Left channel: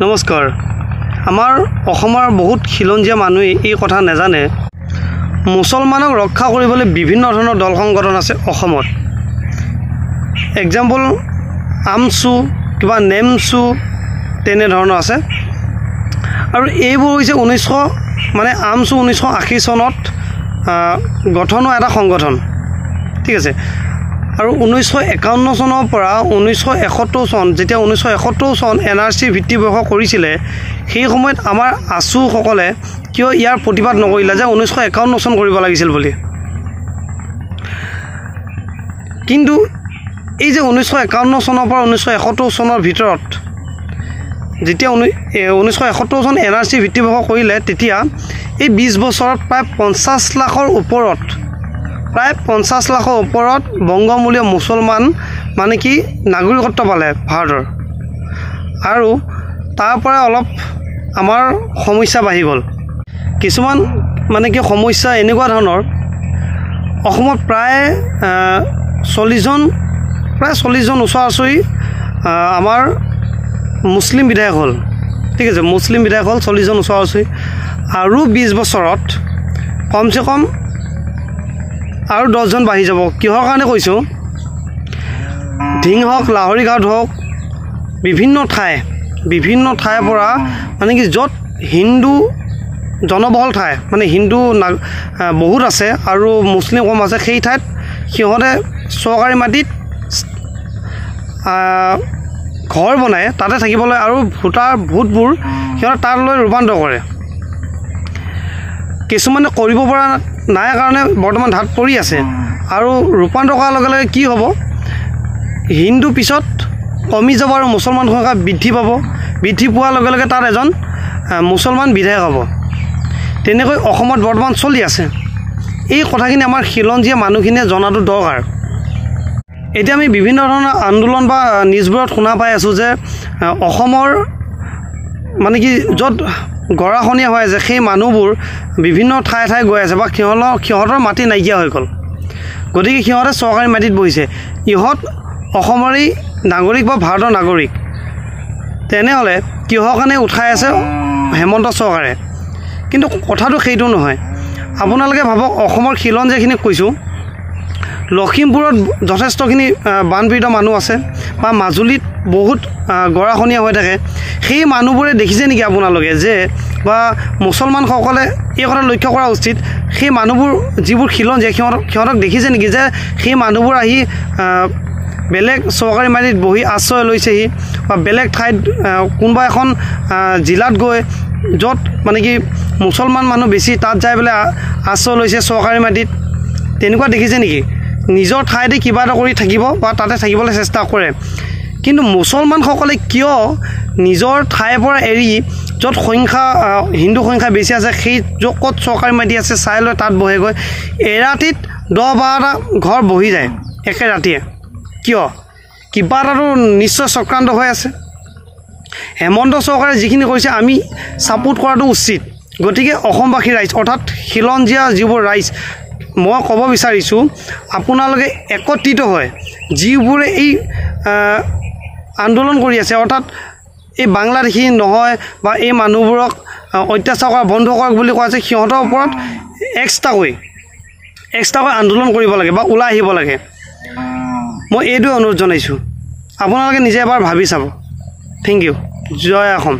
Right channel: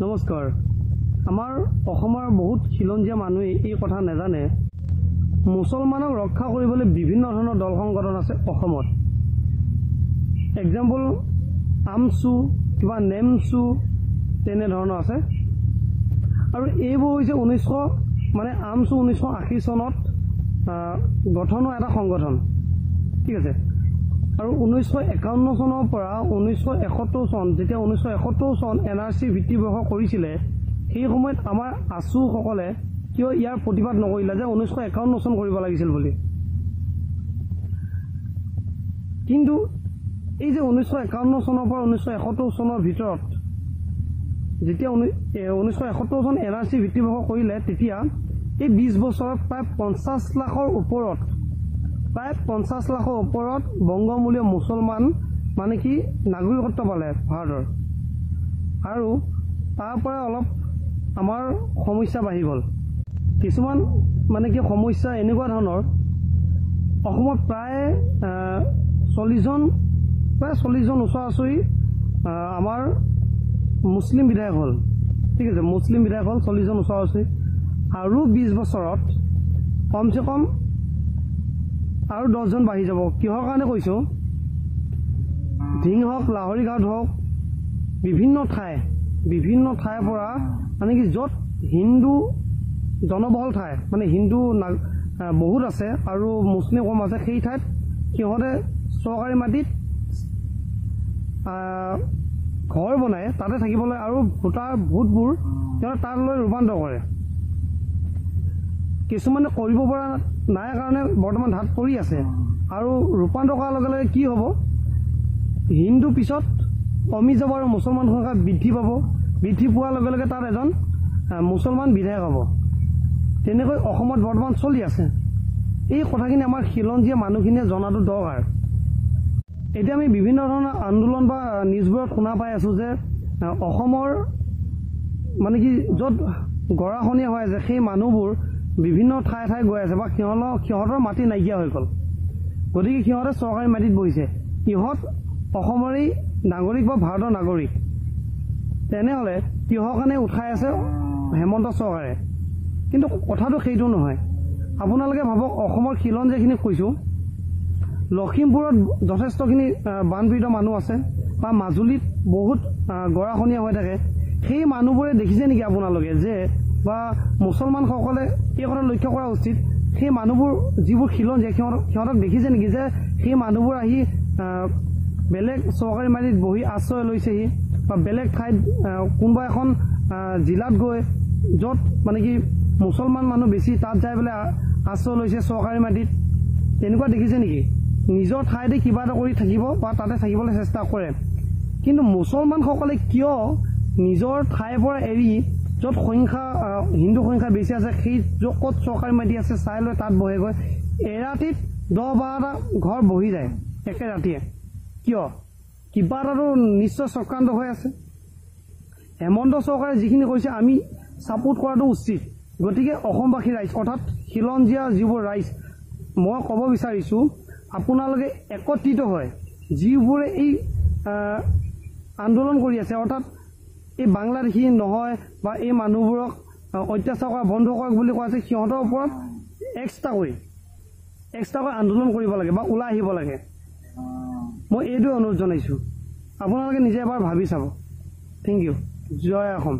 নমস্কাৰ। আমাৰ অসমৰ বহুত খিলঞ্জীয়া মানুহে এই কথা নাজানে। মুছলমানক ৰক্ষা কৰিবলৈ বিভিন্ন ধৰণৰ দল সংগঠন আছে অসমত। এক্সাম্পল আমছু, কিবা নেমছু তেনেধৰণৰ আছে। আৰু এইবোৰ হৈছে আমছু 1980 চনত গঠন হোৱা এটা সংগঠন, ঠিক আছে। আৰু 1951 চনৰ পৰা 1971 চন, যেতিয়া 1971 চন NRC ভিত্তিবৰ্ষ কৰিছিলে, সেই সময়ত আমাৰ আছুসকলে কিয় ইয়াৰ প্ৰতিবাদ নকৰিলে যে 1951 চন কৰিব লাগিছিল বুলি। কিন্তু এই যে 1951 চনৰ পৰা 1971 চনৰ ভিতৰত যেতিয়া 1971 চন NRC ভিত্তিবৰ্ষ কৰিলে, তেতিয়া এই 20 বছৰত প্ৰায় 50 লাখৰ ওপৰত বংগমূলীয় মুছলমান নাগৰিকত্ব পালে ভাৰতৰ। আৰু তাৰ পৰা অলপ আমাৰ সমস্যা বাঢ়ি গ'ল। কিছুমান সমস্যা এনেকুৱা ধৰণৰ, অসমত প্ৰায় 40 জন ওচৰা-ওচৰি আমাৰ মুছলিম বিধায়ক হ'ল, ঠিক আছে। মুছলিম বিধায়ক হ'ল 40 জন ওচৰা-ওচৰি। আৰু 20 বছৰত কমচে কম আৰু 10 জন বাঢ়ি যাব। কিহৰ কাৰণে কৈছোঁ, ঢিং হওক, লাহৰীঘাট হওক, বিভিন্ন ঠাইৰ পৰা য'ত হিন্দু জনবহুল ঠাই, হিন্দু বহুত আছে আৰু মুছলিম কম আছে, সেই ঠাইত সিহঁতে চৰকাৰী মাটিত ঘৰ বনাই তাতে থাকিবলৈ আৰু ভোটবোৰ সিহঁতে তালৈ ৰূপান্তৰ কৰে। কিছুমানে কৰিব পৰা নাই কাৰণে বৰ্তমান ধাত পৰি আছে। আৰু ৰূপান্তৰ কৰাৰ লগে লগে কি হ'ব, হিন্দু পিছত কমি যাব আৰু মুছলমান সংখ্যা বৃদ্ধি পাব। বৃদ্ধি পোৱাৰ লগে লগে তাত এজন মুছলমান বিধায়ক হ'ব। তেনেকৈ অসমত বৰ্তমান চলি আছে। এই কথাখিনি আমাৰ খিলঞ্জীয়া মানুহখিনিয়ে জনাটো দৰকাৰ। এতিয়া আমি বিভিন্ন ধৰণৰ আন্দোলন বা নিউজবোৰত শুনা পাই আছোঁ যে অসমৰ য'ত গৰাখহনীয়া হৈ আছে, সেই মানুহবোৰ বিভিন্ন ঠাই গৈ আছে বা সিহঁতৰ মাটি নাইকিয়া হৈ গ'ল। গতিকে সিহঁতে চৰকাৰী মাটিত বহিছে। ইহঁত অসমৰেই নাগৰিক বা ভাৰতৰ নাগৰিক। তেনেহ'লে কিহৰ কাৰণে উঠাই আছে হেমন্ত চৰকাৰে? কিন্তু কথাটো সেইটো নহয়। আপোনালোকে ভাবক, অসমৰ খিলঞ্জীয়াখিনিক কৈছোঁ, লখিমপুৰত যথেষ্টখিনি বানপীড়িত মানুহ আছে বা মাজুলীত বহুত গৰাখহনীয়া হৈ থাকে। সেই মানুহবোৰে দেখিছে নেকি আপোনালোকে যে, বা মুছলমানসকলে এই কথা লক্ষ্য কৰা উচিত, সেই মানুহবোৰ যিবোৰ খিলঞ্জীয়া সিহঁতক দেখিছে নেকি যে সেই মানুহবোৰ আহি বেলেগ চৰকাৰী মাটিত বহি আশ্ৰয় লৈছেহি বা বেলেগ ঠাইত কোনোবা এখন জিলাত গৈ য'ত মুছলমান মানুহ বেছি, তাত যাই পেলাই আশ্ৰয় লৈছে চৰকাৰী মাটিত? তেনেকুৱা দেখিছে নেকি? নিজৰ ঠাইতে কিবা এটা কৰি থাকিব বা তাতে থাকিবলৈ চেষ্টা কৰে। কিন্তু মুছলমানসকলে কিয় নিজৰ ঠাইৰ পৰা এৰি য'ত হিন্দু সংখ্যা বেছি আছে, সেই ক'ত চৰকাৰী মাটি আছে চাই লৈ তাত বহেগৈ? এৰাতিত 10-12টা ঘৰ বহি যায় একে ৰাতিয়ে। কিয়? কিবা এটাতো নিশ্চয় চক্ৰান্ত হৈ আছে। হেমন্ত চৰকাৰে যিখিনি কৰিছে আমি ছাপোৰ্ট কৰাটো উচিত। গতিকে অসমবাসী ৰাইজ, অৰ্থাৎ খিলঞ্জীয়া যিবোৰ ৰাইজ, মই ক'ব বিচাৰিছোঁ, আপোনালোকে একত্ৰিত হয়, যিবোৰে এই আন্দোলন কৰি আছে, অৰ্থাৎ এই বাংলাদেশী নহয় বা এই মানুহবোৰক অত্যাচাৰ কৰা বন্ধ কৰক বুলি কোৱা আছে, সিহঁতৰ ওপৰত এক্সট্ৰাকৈ আন্দোলন কৰিব লাগে বা ওলাই আহিব লাগে। মই এইটোৱে অনুৰোধ জনাইছোঁ। আপোনালোকে নিজে এবাৰ ভাবি চাব। Thank you. জয় অসম।